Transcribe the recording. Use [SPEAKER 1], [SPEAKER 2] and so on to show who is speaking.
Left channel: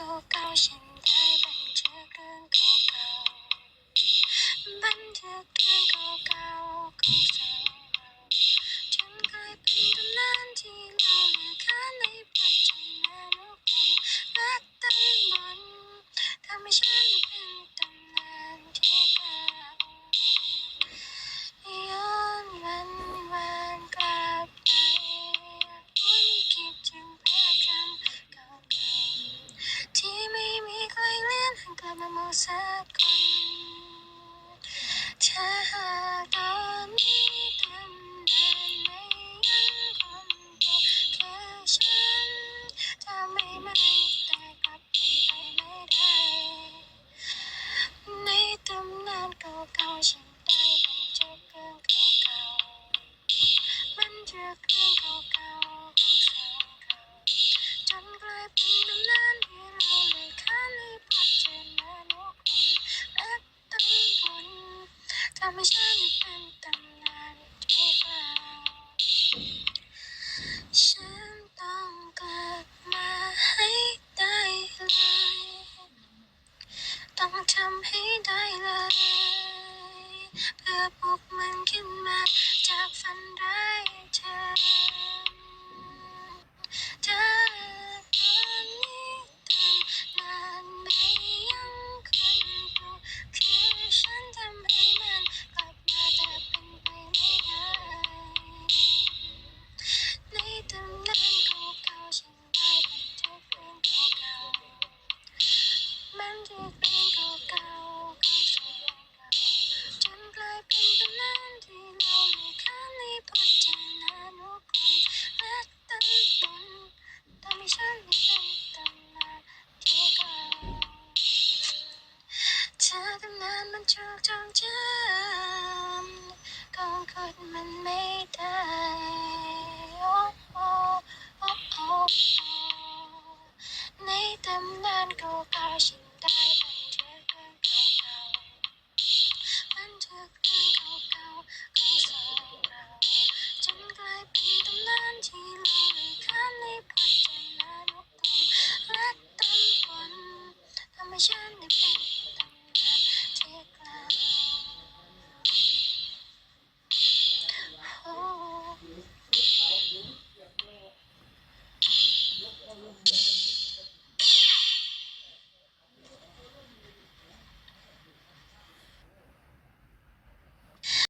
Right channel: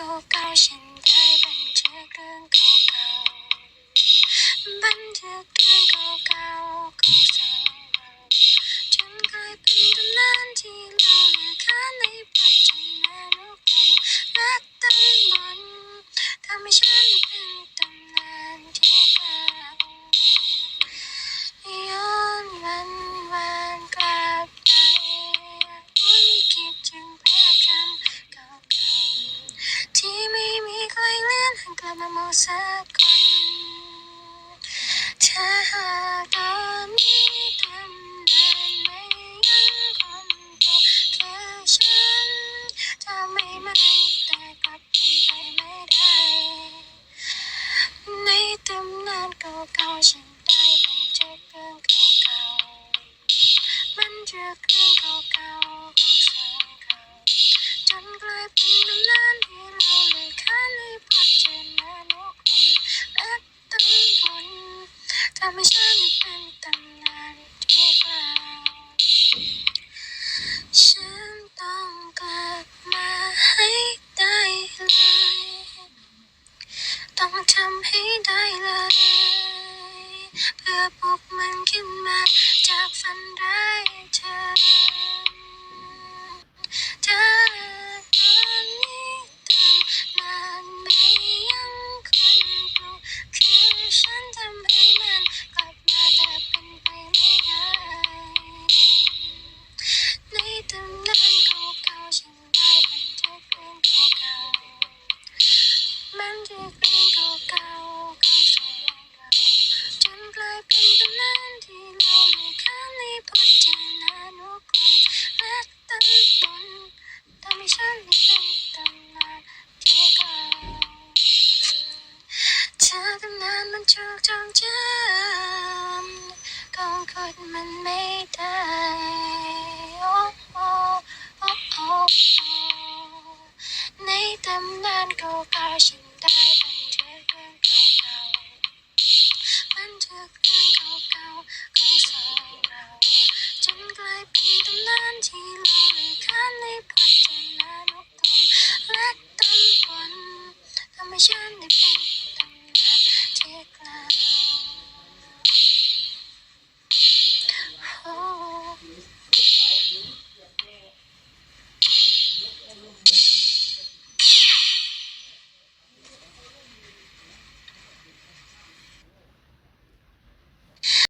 [SPEAKER 1] เก่าๆฉันได้บันทึกเรื่องเก่าๆบันทึกเรื่องเก่าๆของสองเราจนกลายเป็นตำนานที่เล่าลือขาในปัจจุบันนรักตั้งบนทำให้ฉันเป็นตำ กำให้ได้เลย เพื่อปลุกมันขึ้นมาจากฝันร้าย อดมันไม่ได้โอ้โอ้โอ้โอ้ในตำนานเก่าๆฉันได้บันทึกเรื่องเก่าๆบันทึกเรื่องเก่าๆของสองเราจนกลายเป็นตำนานที่เราเลยค้านในพจนานุกรมและตั้งบนทำให้ฉันได้เป็น